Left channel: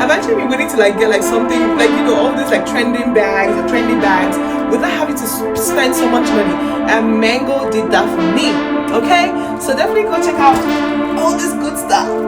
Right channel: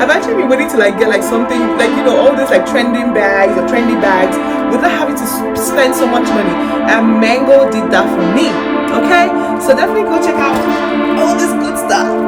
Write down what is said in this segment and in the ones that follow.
I've actually been waiting to like get like something like, you know, all these like trending bags or trendy bags without having to spend so much money. And Mango did that for me. Okay, so definitely go check out all this good stuff.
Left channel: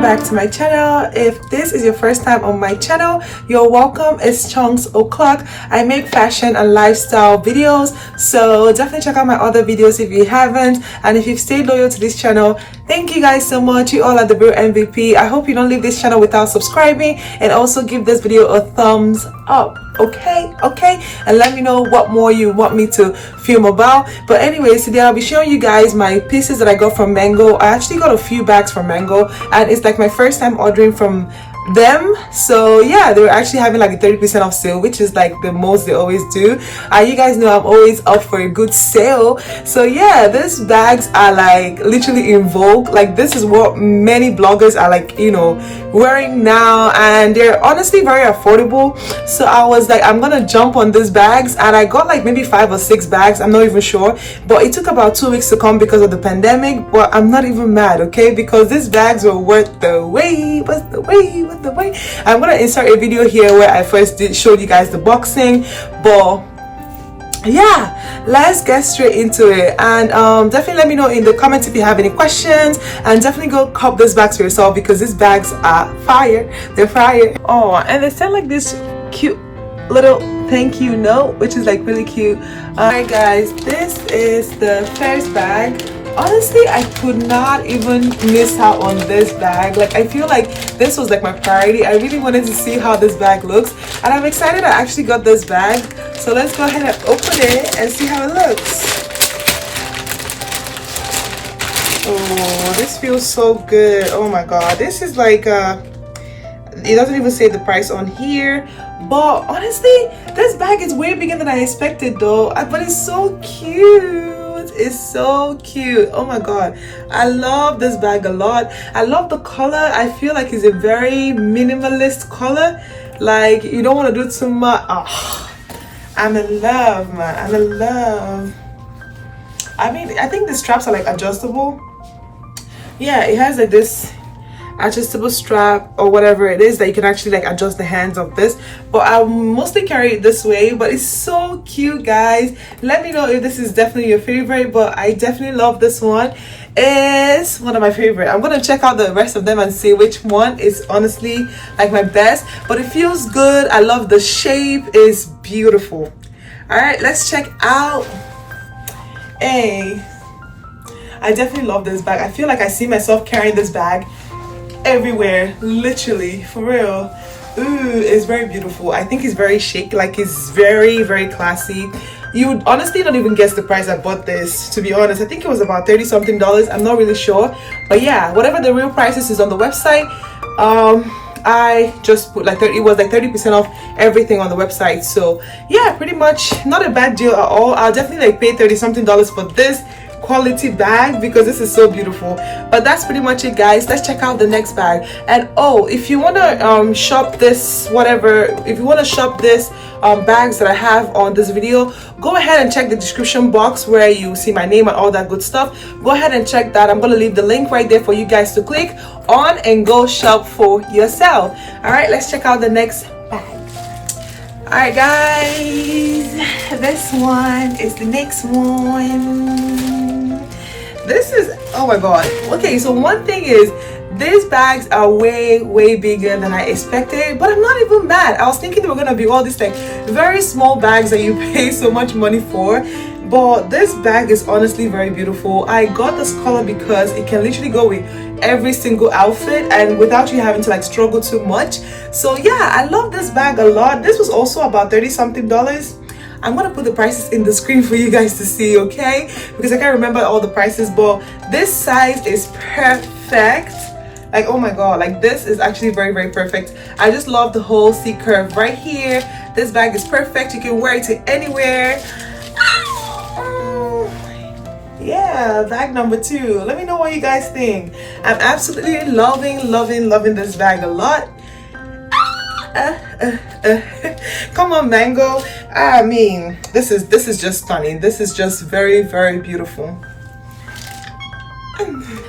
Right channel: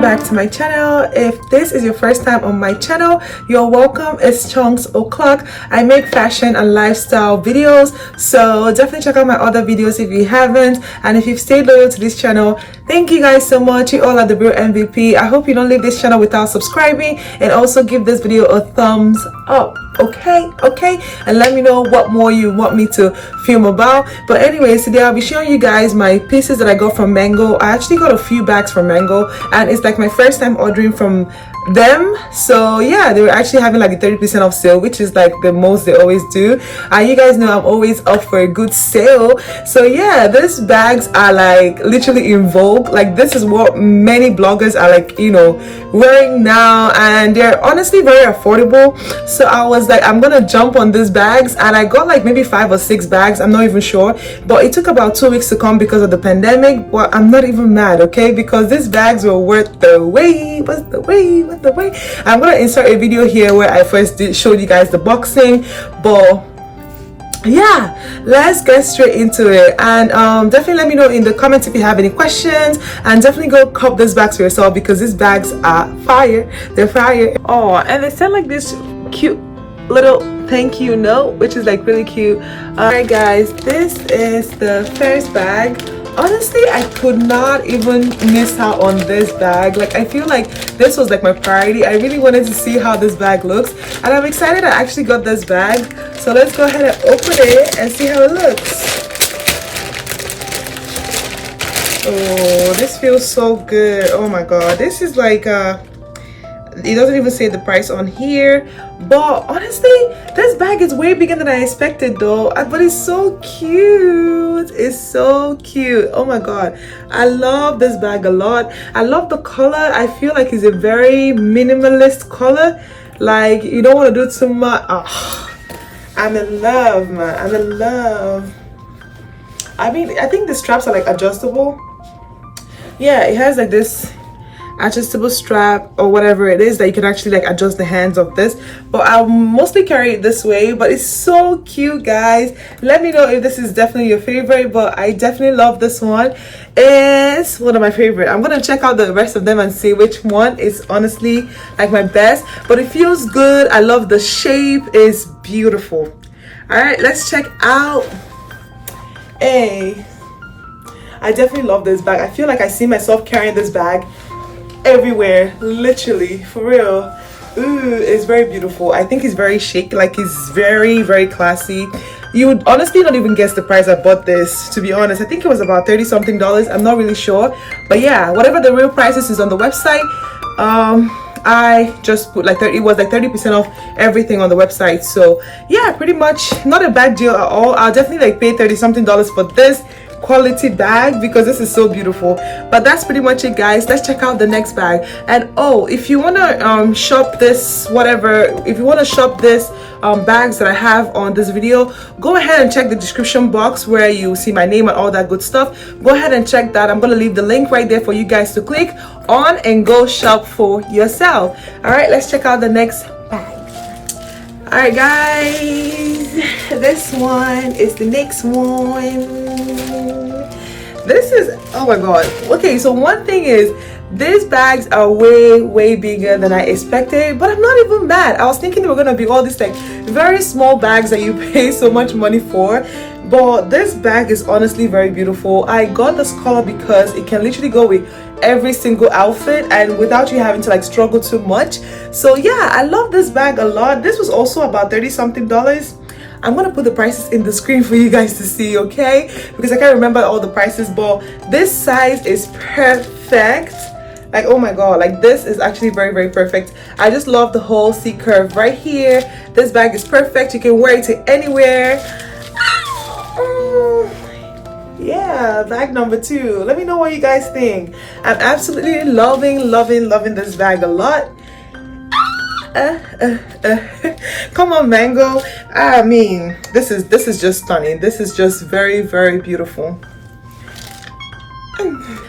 Back to my channel. If this is your first time on my channel, you're welcome. It's ChonksO'Clock. I make fashion and lifestyle videos, so definitely check out my other videos if you haven't. And if you've stayed loyal to this channel, thank you guys so much. You all are the real MVP. I hope you don't leave this channel without subscribing, and also give this video a thumbs up. Okay, and let me know what more you want me to film about. But anyways, today I'll be showing you guys my pieces that I got from Mango. I actually got a few bags from Mango, and it's like my first time ordering from them. So yeah, they were actually having like a 30% off sale, which is like the most they always do. You guys know I'm always up for a good sale. So yeah, these bags are like literally in vogue. Like this is what many bloggers are like, you know, wearing now, and they're honestly very affordable. So I was like, I'm gonna jump on these bags, and I got like maybe 5 or 6 bags, I'm not even sure, but it took about 2 weeks to come because of the pandemic. But I'm not even mad, okay, because these bags were worth the wait. What's the wait? I'm gonna insert a video here where I first showed you guys the boxing. But yeah, let's get straight into it. And definitely let me know in the comments if you have any questions, and definitely go cop these bags for yourself because these bags are fire. They're fire. Oh, and they sent like this cute little thank you note, which is like really cute. Alright guys, this is the first bag. Honestly, I could not even miss out on this bag. Like I feel like this was like my priority. I really wanted to see how this bag looks, and I'm excited I actually got this bag. So let's go ahead and open it and see how it looks. Oh, this feels so good. Oh my god, this is like it doesn't even say the price on here, but honestly this bag is way bigger than I expected though. But it's so cute. It's so cute. Oh my god, I love this bag a lot. I love the color. I feel like it's a very minimalist color. Like you don't want to do too much. Oh, I'm in love, man. I'm in love. I mean, I think the straps are like adjustable. Yeah, it has like this adjustable strap or whatever it is that you can actually like adjust the hands of this, but I'll mostly carry it this way. But it's so cute, guys. Let me know if this is definitely your favorite, but I definitely love this one. It's one of my favorite. I'm gonna check out the rest of them and see which one is honestly like my best, but it feels good. I love the shape. It's beautiful. All right, let's check out. Hey, I definitely love this bag. I feel like I see myself carrying this bag everywhere, literally, for real. Ooh, it's very beautiful. I think it's very chic. Like it's very classy. You would honestly not even guess the price I bought this, to be honest. I think it was about $30 something. I'm not really sure, but yeah, whatever the real price is on the website. I just put like it was like 30% off everything on the website. So yeah, pretty much not a bad deal at all. I'll definitely like pay $30 something for this quality bag because this is so beautiful. But that's pretty much it, guys. Let's check out the next bag. And oh, if you want to shop this, whatever, if you want to shop this bags that I have on this video, go ahead and check the description box where you see my name and all that good stuff. Go ahead and check that. I'm going to leave the link right there for you guys to click on and go shop for yourself. All right, let's check out the next bag. All right, guys, this one is the next one. This is, oh my god. Okay, so one thing is these bags are way bigger than I expected, but I'm not even mad. I was thinking they were gonna be all these like very small bags that you pay so much money for, but this bag is honestly very beautiful. I got this color because it can literally go with every single outfit and without you having to like struggle too much. So yeah, I love this bag a lot. This was also about $30 something. I'm gonna put the prices in the screen for you guys to see, okay, because I can't remember all the prices, but this size is perfect. Like, oh my god, like this is actually very perfect. I just love the whole C curve right here. This bag is perfect. You can wear it to anywhere. Yeah, bag number 2. Let me know what you guys think. I'm absolutely loving this bag a lot. Come on, Mango. I mean, this is just stunning. This is just very, very beautiful.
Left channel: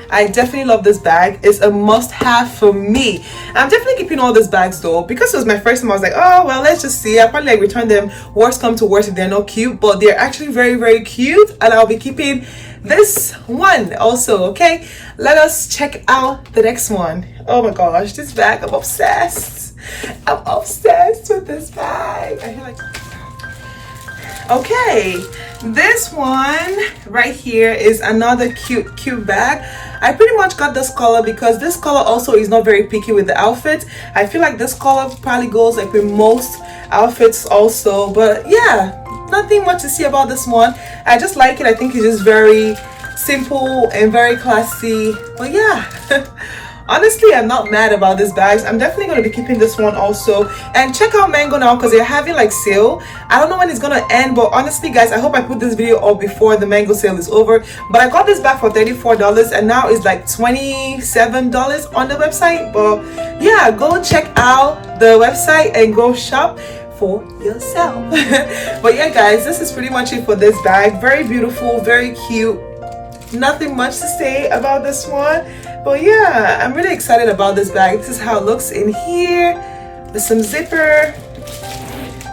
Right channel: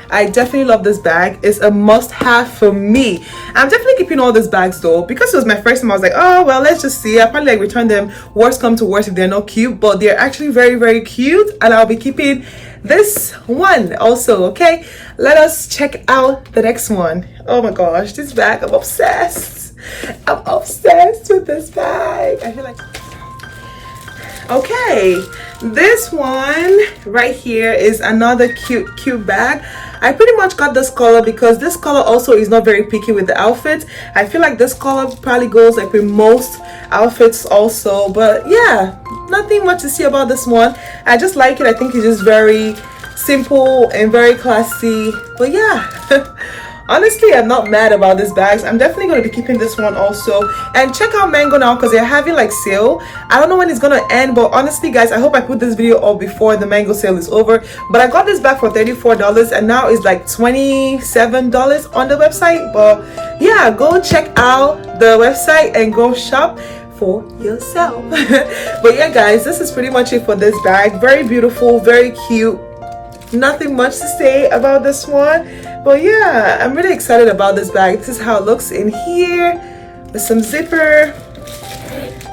I definitely love this bag. It's a must-have for me. I'm definitely keeping all these bags though, because it was my first time. I was like, oh well, let's just see. I probably like return them, worst come to worst, if they're not cute, but they're actually very, very cute, and I'll be keeping this one also. Okay, let us check out the next one. Oh my gosh, this bag, I'm obsessed. I'm obsessed with this bag. I feel like, okay, this one right here is another cute bag. I pretty much got this color because this color also is not very picky with the outfit. I feel like this color probably goes like with most outfits also, but yeah, nothing much to see about this one. I just like it. I think it's just very simple and very classy, but yeah. Honestly, I'm not mad about these bags. I'm definitely going to be keeping this one also. And check out Mango now because they're having like sale. I don't know when it's going to end, but honestly guys, I hope I put this video up before the Mango sale is over. But I got this bag for $34 and now it's like $27 on the website. But yeah, go check out the website and go shop for yourself. But yeah guys, this is pretty much it for this bag. Very beautiful, very cute. Nothing much to say about this one, but yeah, I'm really excited about this bag. This is how it looks in here with some zipper.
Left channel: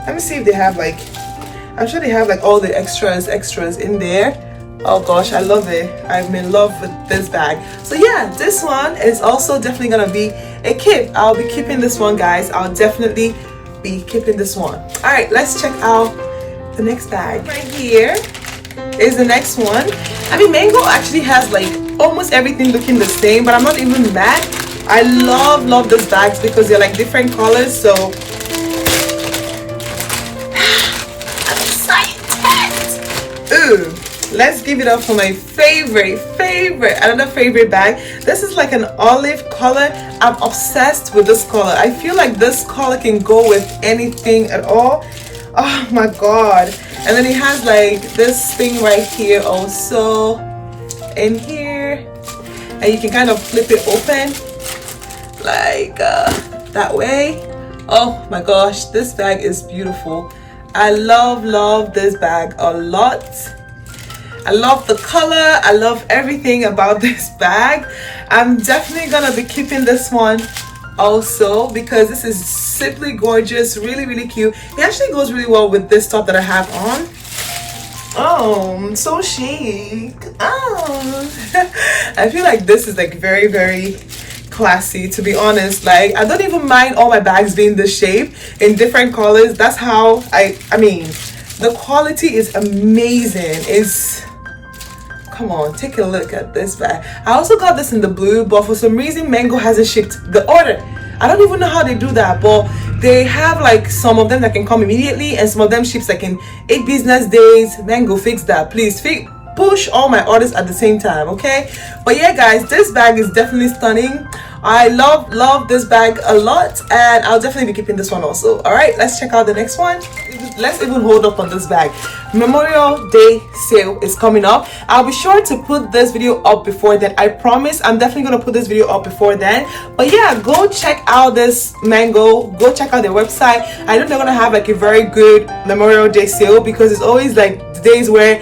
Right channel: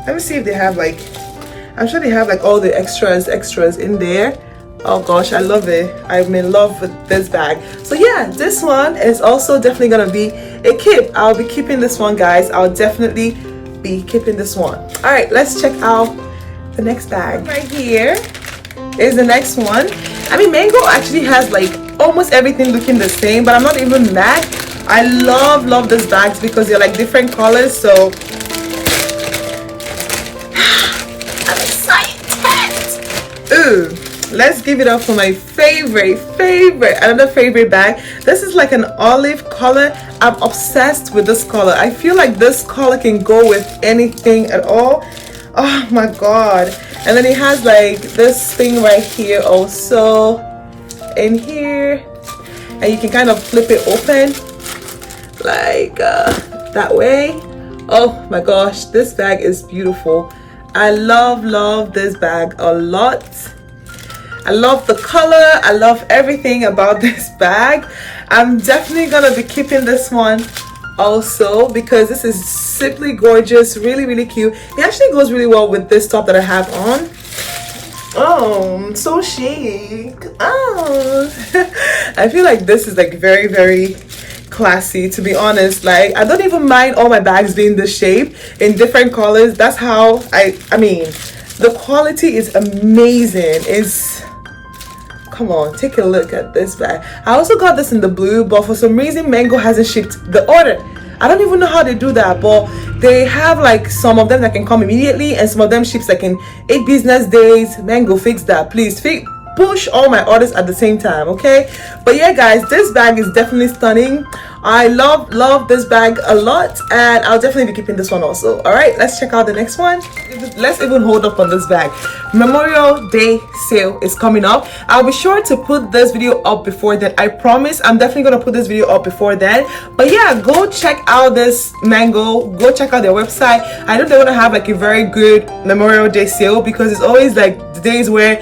Let me see if they have like, I'm sure they have like all the extras in there. Oh gosh, I love it. I'm in love with this bag. So yeah, this one is also definitely gonna be a keep. I'll be keeping this one guys. I'll definitely be keeping this one. All right, let's check out the next bag. Right here is the next one. I mean, Mango actually has like almost everything looking the same, but I'm not even mad. I love these bags because they're like different colors, so I'm excited. Ooh, let's give it up for my favorite another favorite bag. This is like an olive color. I'm obsessed with this color. I feel like this color can go with anything at all. Oh my god. And then it has like this thing right here also in here, and you can kind of flip it open like that way. Oh my gosh, this bag is beautiful. I love this bag a lot. I love the color. I love everything about this bag. I'm definitely gonna be keeping this one also because this is simply gorgeous, really cute. It actually goes really well with this top that I have on. Oh, so chic. Oh. I feel like this is like very classy, to be honest. Like, I don't even mind all my bags being this shape in different colors. That's how I mean, the quality is amazing. It's, come on, take a look at this bag. I also got this in the blue, but for some reason Mango hasn't shipped the order. I don't even know how they do that, but they have like some of them that can come immediately and some of them ships like in 8 business days. Mango, fix that, please. Push all my orders at the same time, okay? But yeah guys, this bag is definitely stunning. I love this bag a lot, and I'll definitely be keeping this one also. All right, let's check out the next one. Let's even hold up on this bag. Memorial Day sale is coming up. I'll be sure to put this video up before then. I promise I'm definitely gonna put this video up before then. But yeah, go check out this Mango. Go check out their website. I know they're gonna have like a very good Memorial Day sale because it's always like the days where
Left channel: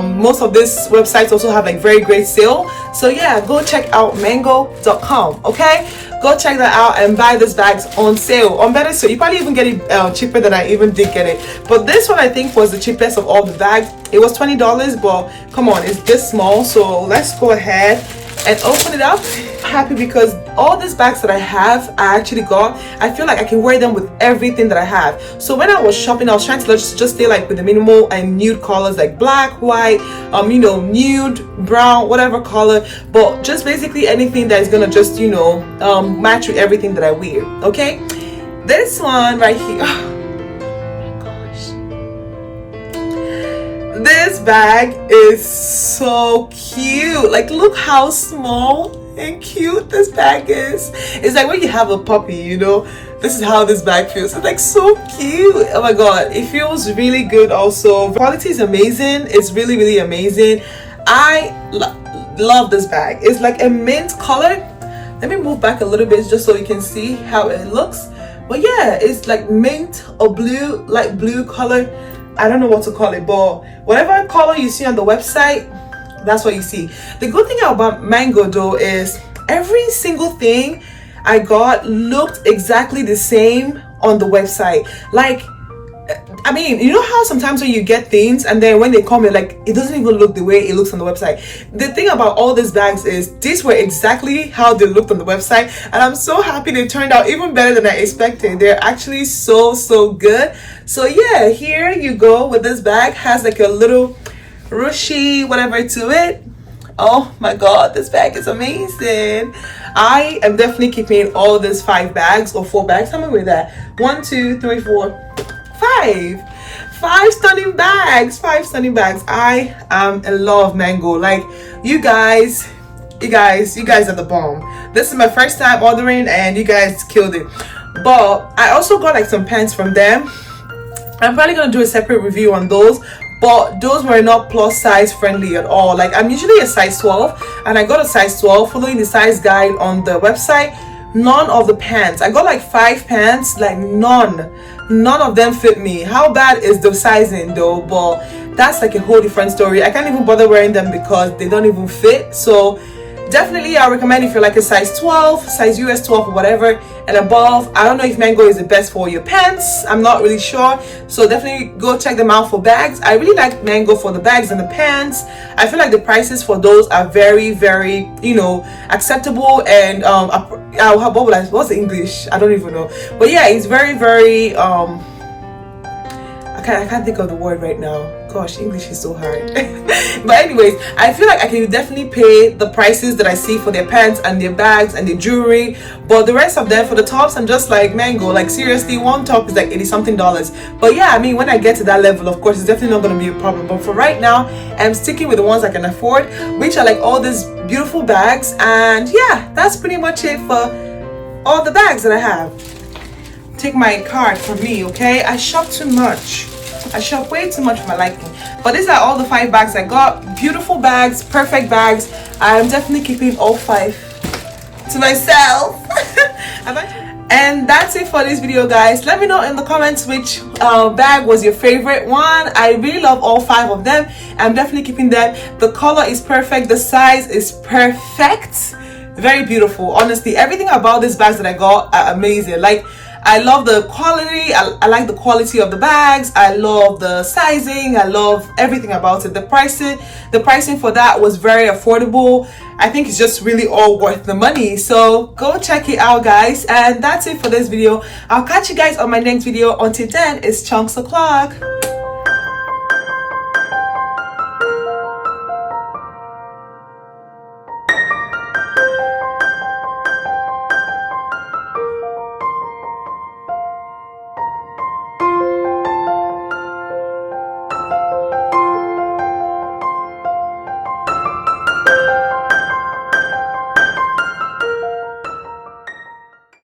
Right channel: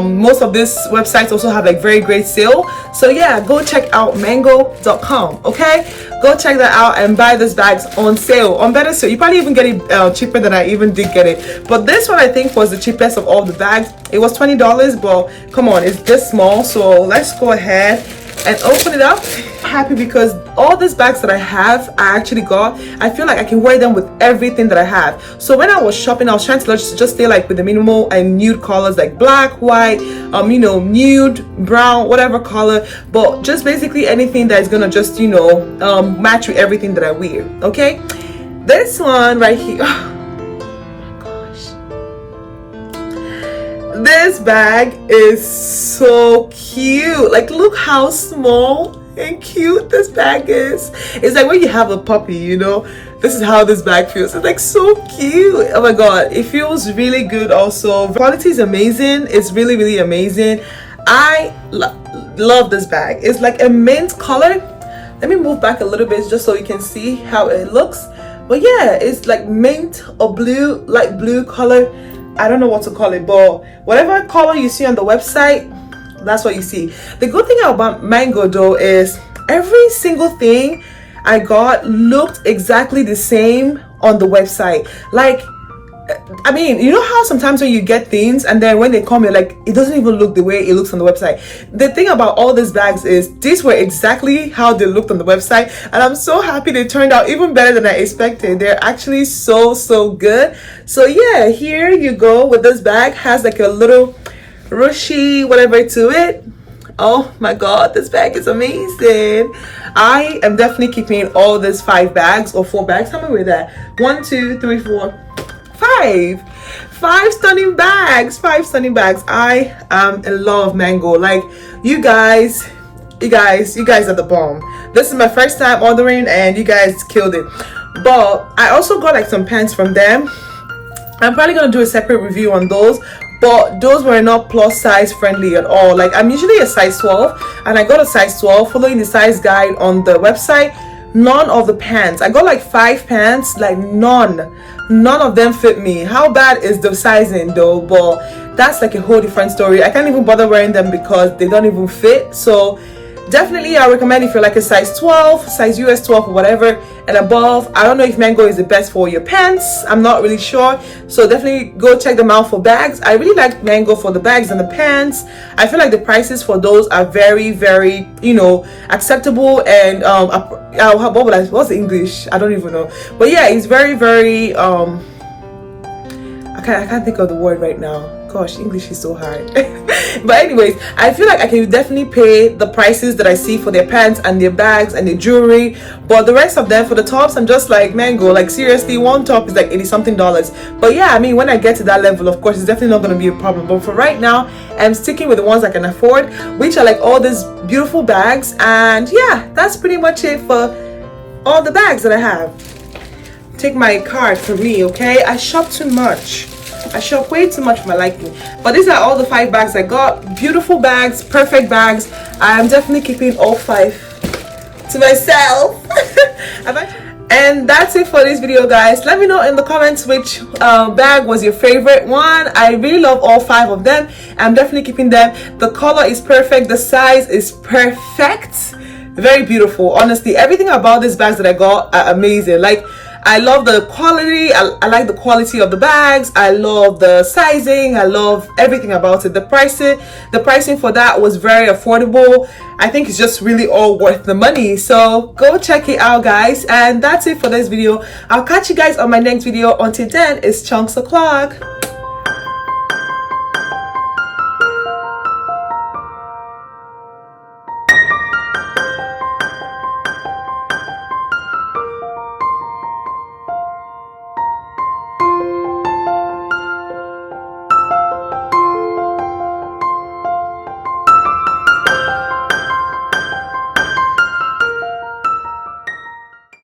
most of these websites also have like very great sale. So yeah, go check out mango.com. okay, go check that out and buy these bags on sale, on better sale. You probably even get it cheaper than I even did get it. But this one I think was the cheapest of all the bags. It was $20, but come on, it's this small. So let's go ahead and open it up. Happy because all these bags that I have, I actually got, I feel like I can wear them with everything that I have. So when I was shopping, I was trying to just stay like with the minimal and nude colors like black, white, you know, nude, brown, whatever color, but just basically anything that's gonna just, you know, match with everything that I wear. Okay, this one right here, oh my gosh, this bag is so cute. Like, look how small and cute this bag is. It's like when you have a puppy, you know, this is how this bag feels. It's like so cute. Oh my god, it feels really good. Also, the quality is amazing. It's really amazing. I love this bag. It's like a mint color. Let me move back a little bit just so you can see how it looks. But yeah, it's like mint or blue, light blue color. I don't know what to call it, but whatever color you see on the website, that's what you see. The good thing about Mango though is every single thing I got looked exactly the same on the website. Like, I mean, you know how sometimes when you get things and then when they come, you're like, it doesn't even look the way it looks on the website. The thing about all these bags is these were exactly how they looked on the website, and I'm so happy they turned out even better than I expected. They're actually so good. So yeah, here you go with this bag. Has like a little ruchy whatever to it. Oh my god, this bag is amazing. I am definitely keeping all these 5 bags or 4 bags. How many were there? 1, 2, 3, 4, 5 stunning bags. 5 stunning bags. I am in love, Mango. Like, you guys are the bomb. This is my first time ordering and you guys killed it. But I also got like some pants from them. I'm probably gonna do a separate review on those, but those were not plus size friendly at all. Like, I'm usually a size 12 and I got a size 12 following the size guide on the website. None of the pants, I got like 5 pants, like none of them fit me. How bad is the sizing though? But that's like a whole different story. I can't even bother wearing them because they don't even fit. So definitely I recommend if you're like a size 12, size US 12 or whatever and above. I don't know if Mango is the best for your pants, I'm not really sure, so definitely go check them out for bags. I really like Mango for the bags and the pants. I feel like the prices for those are very, you know, acceptable. And what's the English? I don't even know, but yeah, it's very I can't think of the word right now. Gosh, English is so hard. But anyways, I feel like I can definitely pay the prices that I see for their pants and their bags and their jewelry. But the rest of them, for the tops, I'm just like, Mango, like seriously, one top is like $80-something. But yeah, I mean, when I get to that level, of course, it's definitely not going to be a problem. But for right now, I'm sticking with the ones I can afford, which are like all these beautiful bags. And yeah, that's pretty much it for all the bags that I have. Take my card from me, okay? I shop too much. I shop way too much for my liking. But these are all the 5 bags I got. Beautiful bags, perfect bags. I am definitely keeping all 5 to myself. And that's it for this video, guys. Let me know in the comments which bag was your favorite one. I really love all 5 of them. I'm definitely keeping them. The color is perfect, the size is perfect, very beautiful. Honestly, everything about these bags that I got are amazing. Like, I love the quality. I like the quality of the bags. I love the sizing. I love everything about it. The pricing for that was very affordable. I think it's just really all worth the money. So go check it out, guys. And that's it for this video. I'll catch you guys on my next video. Until then, it's Chonks O'Clock.